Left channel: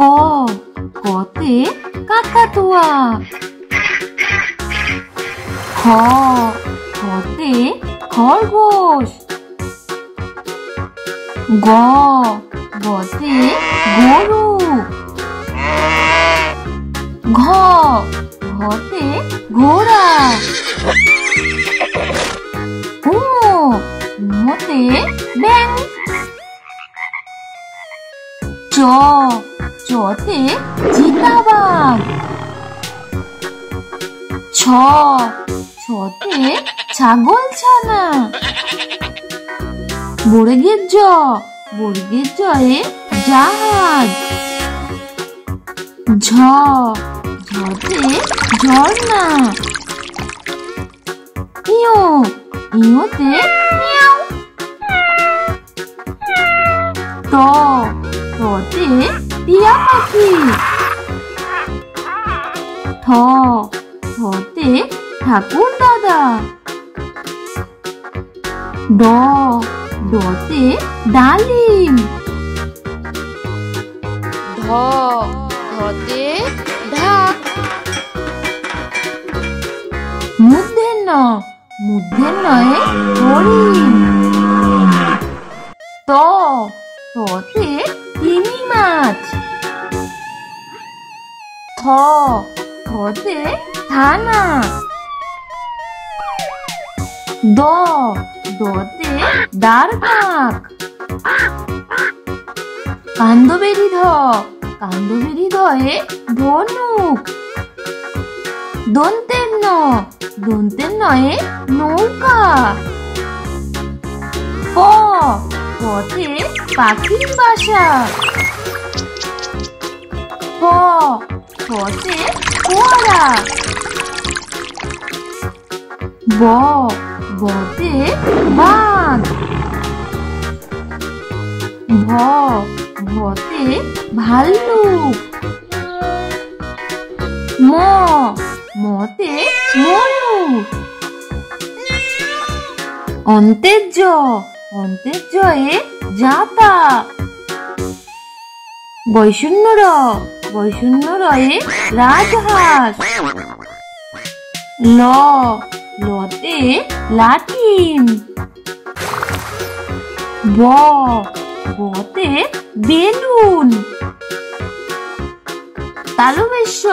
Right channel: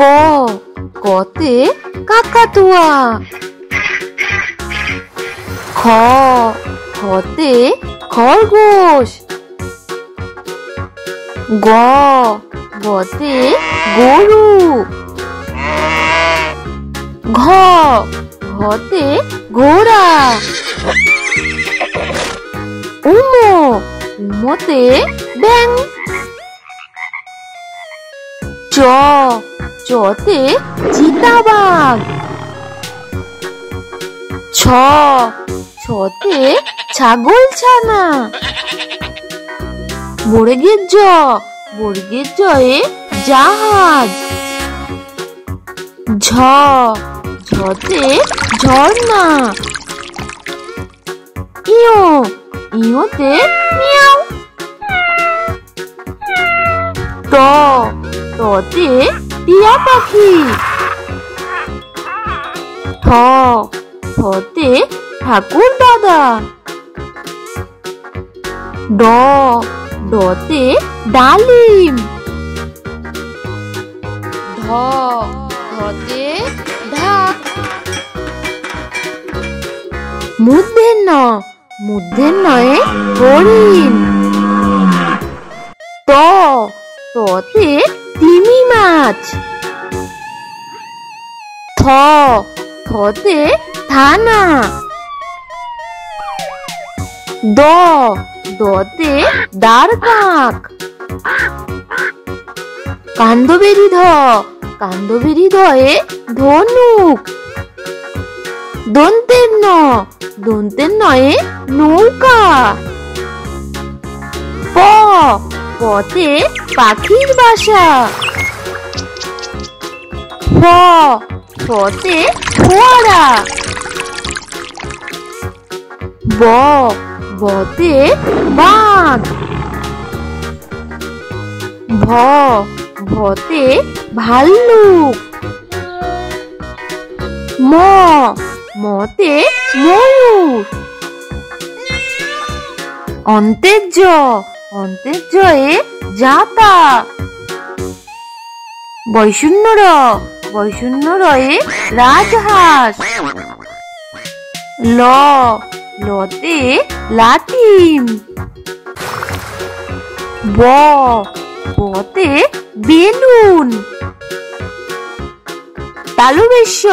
ক কতে কাকাতুয়া। খ খতে খরগোশ। গ গতে গরু। ঘ ঘতে ঘোড়া। উমতে ব্যাঙ। চ চতে চিতাবাঘ। ছ ছতে ছাগলছানা। বর্গের জ বর্গের জয়ে জাহাজ। ঝ ঝতে ঝর্ণা। ইয় ইয়তে মিয়াও। ত ততে টিয়া পাখি। থ থতে ঠাকুর দাদা। ড ডতে ডালিম। ধ ধতে ঢাক। মূর্ধন্য মূর্ধন্যয়ে হরিণ। ত ততে তিমি মাছ। থ থতে থানা। দ দতে দ্বারকাক। কাণ্ডবেরি ধ কাণ্ডবেরি ধয়ে ধনুক। দন্তের ন দন্তের নয়ে নৌকা। প পতে পাখির বাসা। ফ ফতে ফোয়ারা। ব বতে বাঘ। ভ ভতে ভাল্লুক। ম মতে ময়ূর। অন্তের জ অন্তের জয়ে জাতা। বৈষণ্য র বৈষণ্য রয়ে রাজহাঁস। ল লতে লাঠিম। ব বতে বেলুন। তালুবেশ্য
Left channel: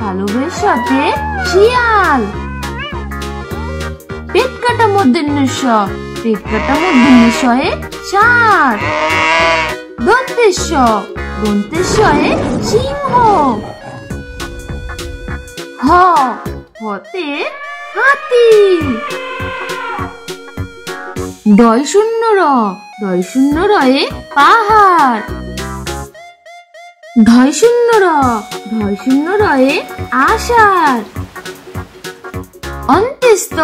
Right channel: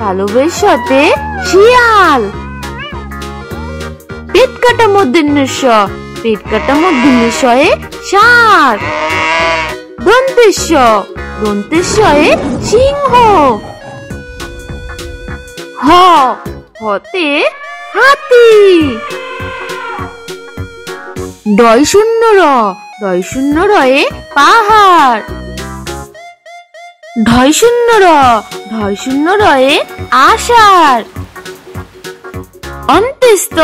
তালুবেশ্যতে শিয়াল। পেট কাটা মূর্ধন্যস্য পেট কাটা মূর্ধন্যস্যয়ে ষাঁড়। দন্তেশ্য দন্তেশ্বয়ে সিংহ। হ হতে হাতি। ডয় শূন্য র ডয় শূন্য রয়ে পাহাড়। ঢয় শূন্য র ঢয় শূন্য রয়ে আষাঢ়। অন্ত্যেস্ত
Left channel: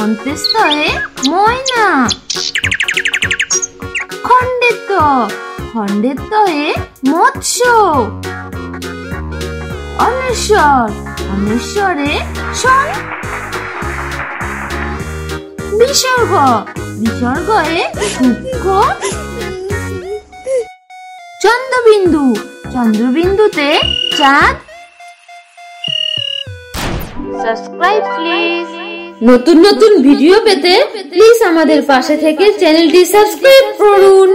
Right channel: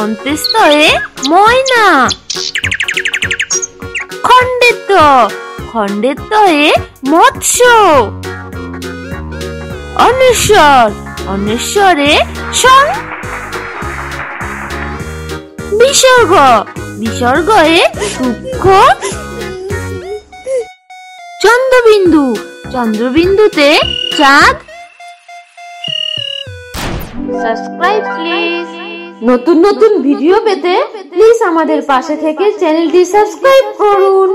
অন্ত্যেস্তয়ে ময়না। খণ্ডেত্ব খণ্ডেত্বয়ে মৎস্য। অনশ্বর অনশ্বরে ষড়। বিসর্গ বিসর্গয়ে সূক্ষ্ম। চন্দ্রবিন্দু চন্দ্রবিন্দুতে চাঁদ। Subscribe please. নতুন নতুন ভিডিও পেতে প্লিজ আমাদের পাশে থেকে চ্যানেলটি সাবস্ক্রাইব করুন।